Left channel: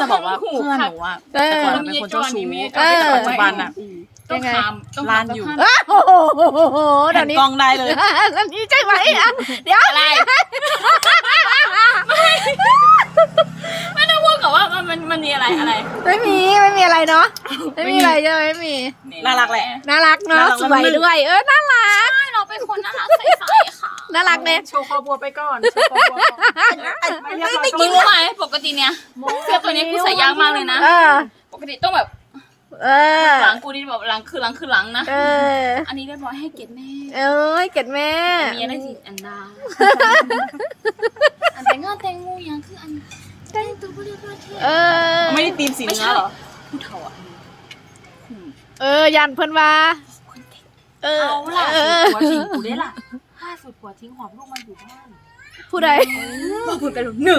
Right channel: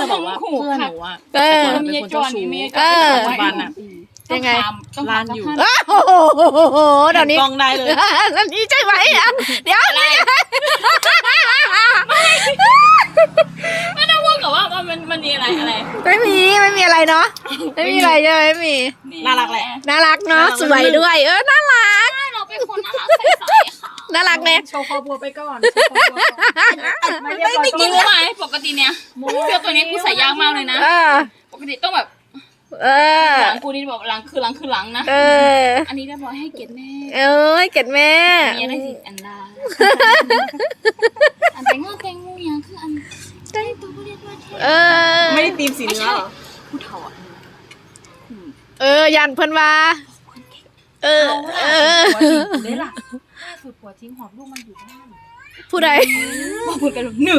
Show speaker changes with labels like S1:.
S1: จะบอกว่าเพื่อนหนูอะแต่ก่อนเป็นคนเจ้าชู้แต่ปัจจุบันอะ
S2: ยังไง
S1: ลานอยู่
S2: โอ้โหเดี๋ยวนี้
S1: กล้องได้เลย
S2: อันนี้ใช่ไหมอ่ะเดี๋ยวอะไร
S3: ไม่ต้องพูดกับว่ามันมีอะไรอะไร
S2: ไม่มีอะไรเนาะไม่มีอะไรใช่ไหมไม่มี
S1: น่ารักแหละ
S2: น่ารักเนาะสวยด้วยน่ารัก
S3: ใช่เราเป็นคนน่ารักใสๆค่ะ
S2: น่ารักเนี่ย
S1: โชว์คอบัวไปก่อน
S3: ไม่กินไหมปกติเนี่ยเสื้อตัวนี้กูใส่ยากมากเลยนะ ปกติต้องแบบหลังกูนี่แบบหลังคือหลังนะอันนี้ได้บอกให้เกียรติแม่
S2: เกดแม่
S3: มีอะไรสิอันดาอันแต่งงานแต่งงูยังคืออันแต่งตัวเรียบร้อยเท่
S1: ไม่ได้ตีมสีเนื้อเหรอ
S3: ผู้เฒ่าอ่ะ
S2: ยันเพิ่นว่า
S1: หัวทิ้งกูได้ล่ะล่าสุดหัวทิ้งหอบลูกมันอยู่บ้าน
S2: ผู้ใด
S3: มาพูดกันหนึ่ง